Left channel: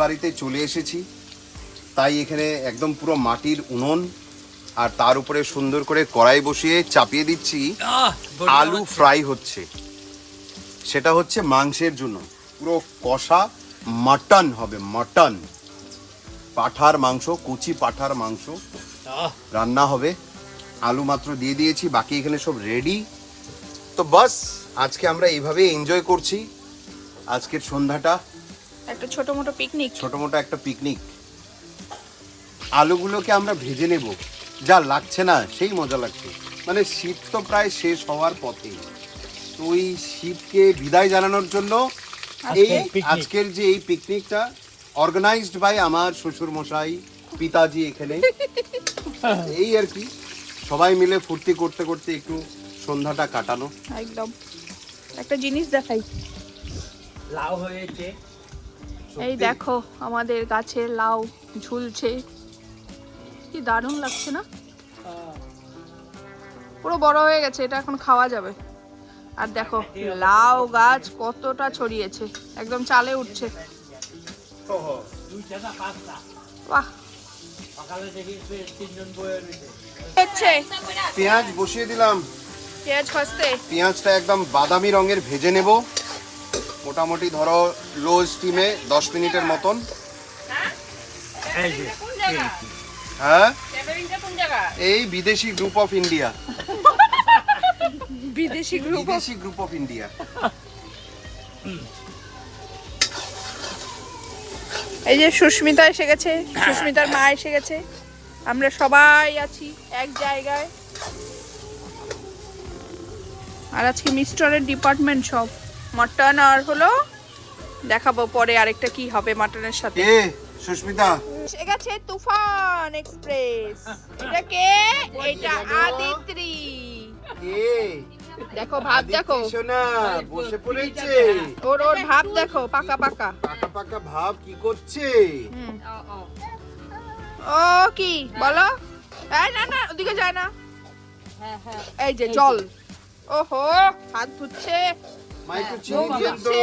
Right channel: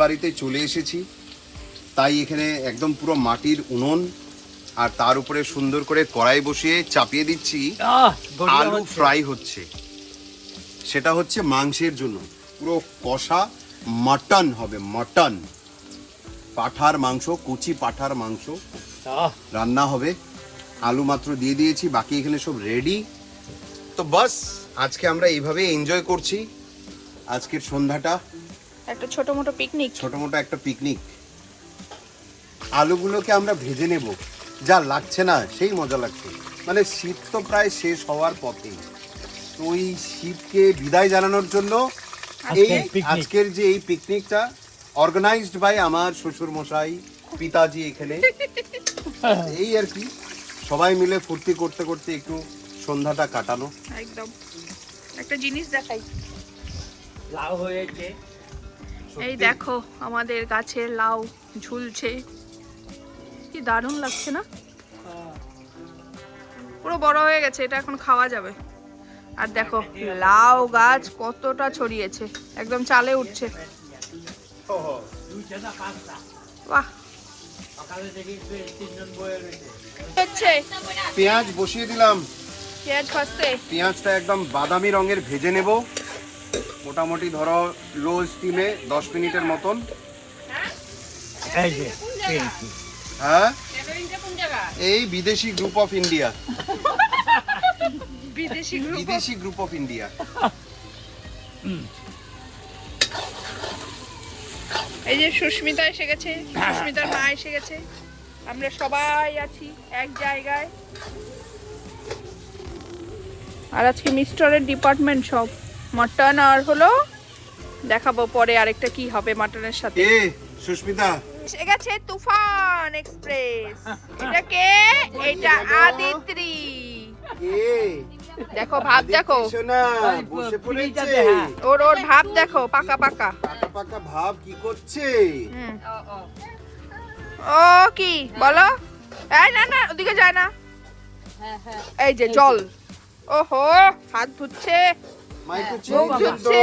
বাড়িতে চলে এসেছি, তাই এখানে একদম পুরো মাটির উনুন, আর তার উপরে সুন্দর করে কড়াই বসিয়ে চাপিয়ে দিচ্ছি। আলু ফ্রাই হচ্ছে, সেটা হচ্ছে মাংসের জন্য। পুরো কষা মাটন হবে, মাটন, পাঠার মাংস, কুচি পাঠার মাংস রান্না হবে। আলু মাত্র দিয়ে দিয়েছি, বাকি এখানে সব রেডি। তো বাস আজকে আমরা এইভাবে এনজয় করছি আজকের সন্ধ্যাটা। একটা ছোট মোটো পিকনিক, একটা পিকনিক। আলুগুলোকে আমরা ভেজে নেব, যা লাগছে না সেই মজা লাগছে। মানে শীত তো প্রায় শেষ হওয়ার পথে, তো ওই শীতকে বিদায় জানানোর জন্য এই আজকের যে এই পিকনিকটা অর্গানাইজড বাই আমার শ্বশুর মশাই, পিতাজি এখানে। এই আর কি, সবাই মিলে ফুর্তি করতে করতে একটু সন্ধ্যাটা কাটানো। একদম। একটা জিনিস দেখাই, লাউ হয়েছে, এই দেখো আমাদের গাছের লাউ ঝুলছে, কি দারুণ লাগছে না? পুরো বড় হয়ে গেছে, এটা এখন খাওয়া যাবে। আর দেখো লাউ গাছ কতটা ছড়িয়েছে, একদম চালে উঠছে। বাহ, হচ্ছে পেঁয়াজ বসিয়ে দিলাম, পেঁয়াজ ভাজতে। পেঁয়াজটা একদম বাদামি রঙের ভেজে নেব, মোটামুটি ধরো লো স্টিমে 10 মিনিটের মতন। হ্যাঁ, এই বিদেশি গ্রুপ অফ ইন্ডিয়া, বিদেশি গ্রুপ অফ ইন্ডিয়া। এই যে সুস্মিতা এসে গেছে, সুস্মিতার মা এসে গেছে, আমরা সবাই আছি এক জায়গায়। আর আজকে মিস্টারের ডিপার্টমেন্ট সব মাটন, আর হলো দেখাবো পরে আরেকটা কি হবে মাটনের সাথে। এ সুস্মিতা এসে গেছে তুফান এক্সপ্রেস। এটা কে? এটা আদিত্রি। দেখো ভাব, দেখো সোনা বসে পড়েছে, ওর ভাব দেখো, পাকা পাকা পাকা ভাব কি করছে। ও কি বলো? এই না না, ওদিকে যায় না। এই যে জল, ওহো হাত ধুচ্ছে, মুখ ধুচ্ছে,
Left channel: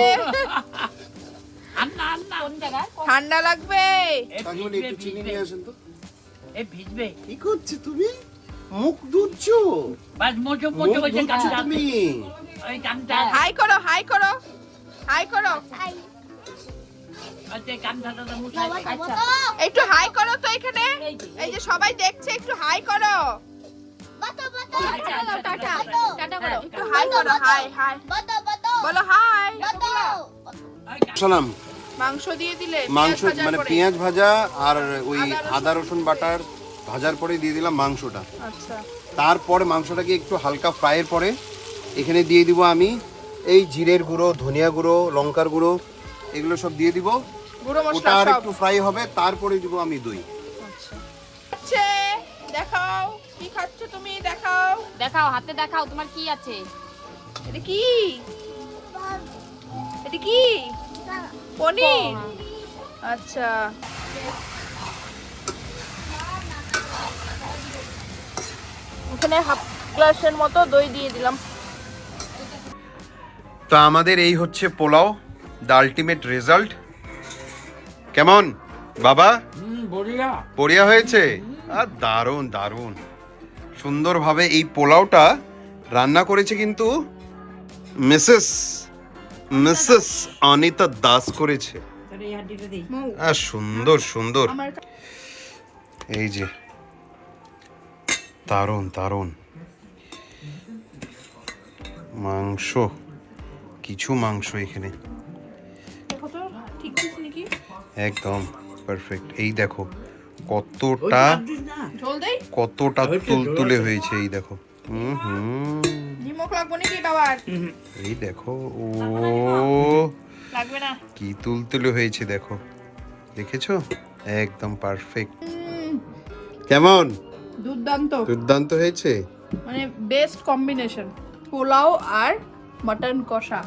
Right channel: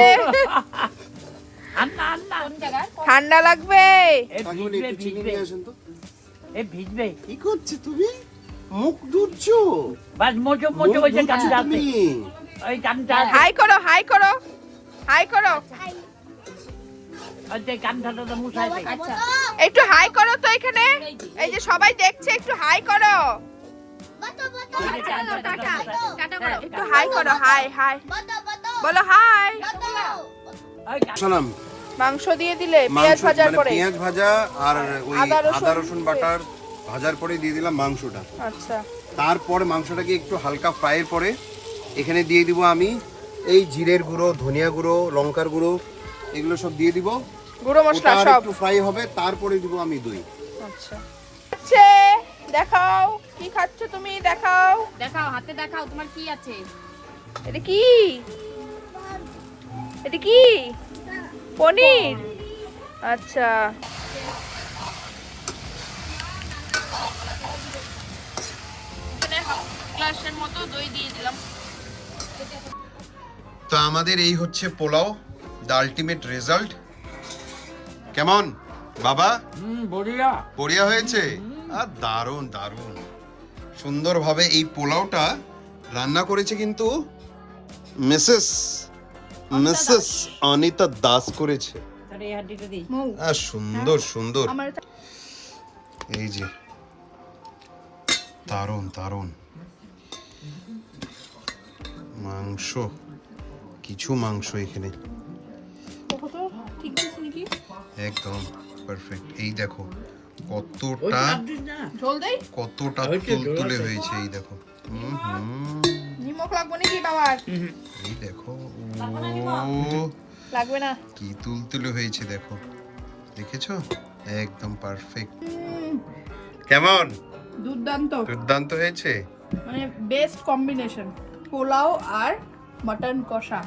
ঠান্ডা লাগবে। একটু চিনি নিয়ে আসেন তো। ভিজবে কি করছে তুমি? মুখ ধুচ্ছো? বাস মোচো মোচো বসে কান তুমি ওই কানটা হাই করো, হাই করো, হাই করো, ওই কানটা তো মুছাই। আচ্ছা একটু হাই করো তো এখানে, এই যে সবাই দেখছে, একটু হাই করো, একটু হাই করো, হাই হাই বলো, হাই। শোনাম, মাংস দিয়ে দিলে পেঁয়াজ মাংস ভাজার মানে পরে। পেঁয়াজ ভাজা আর ওই আদা রসুন আদা রসুন বাটার ভাজার পরে দিয়ে দিলাম মাংসটা। আচ্ছা, তারপরে মাংসটাকে একটু হালকা ফ্রাইয়ের পরে এখানে দিয়ে দিব আমি এই জিরের গুঁড়ো, ধনিয়া গুঁড়ো, লঙ্কার গুঁড়ো, এগুলো সব দিয়ে দিব। গুঁড়ো ওটা মশলা আর সব। একটু ফ্রাই হবে, তারপরে দিব আমি দই। আচ্ছা, দেখাও কি খাচ্ছ তুমি, দেখাও, দেখাও হাতে দেখাও তোমার কি আছে। এটা কি? এটা কি? পনির। আচ্ছা, এখানে হাফ গ্লাসের মতো দই দিয়ে দিলাম। তো আমাদের এই হচ্ছে পোলাও, দ্য আলটিমেট রেজাল্ট। কেমন বাবা? বড়িয়া বড়িয়া হয়েছে? আর দারুণ দারুণ সুন্দরভাবে এই পোলাওটা রান্না করেছে কিন্তু মিসেস অনিতা দাস করেছে। এই হাড্ডিটা দিই। আর সুন্দর সুন্দর, আমার এই যে দারুণ দারুণ মাংস, কিছু মাংস এখানে একদম পারফেক্ট। এই দেখো কতটা ঝোল দেই, কতটা তুলতুলে হয়েছে, এই দেখো। নিমক লাগবে নাকি বাবার? এই দেখো, ও লাগবে না। কি তুলতুলে হয়েছে দেখো, দেখেছো? একদম পারফেক্ট। কেমন? দুর্দান্ত, দুর্দান্ত হয়েছে। মানে বেস্ট কম্বিনেশন, পোলাও আর মটন কষা।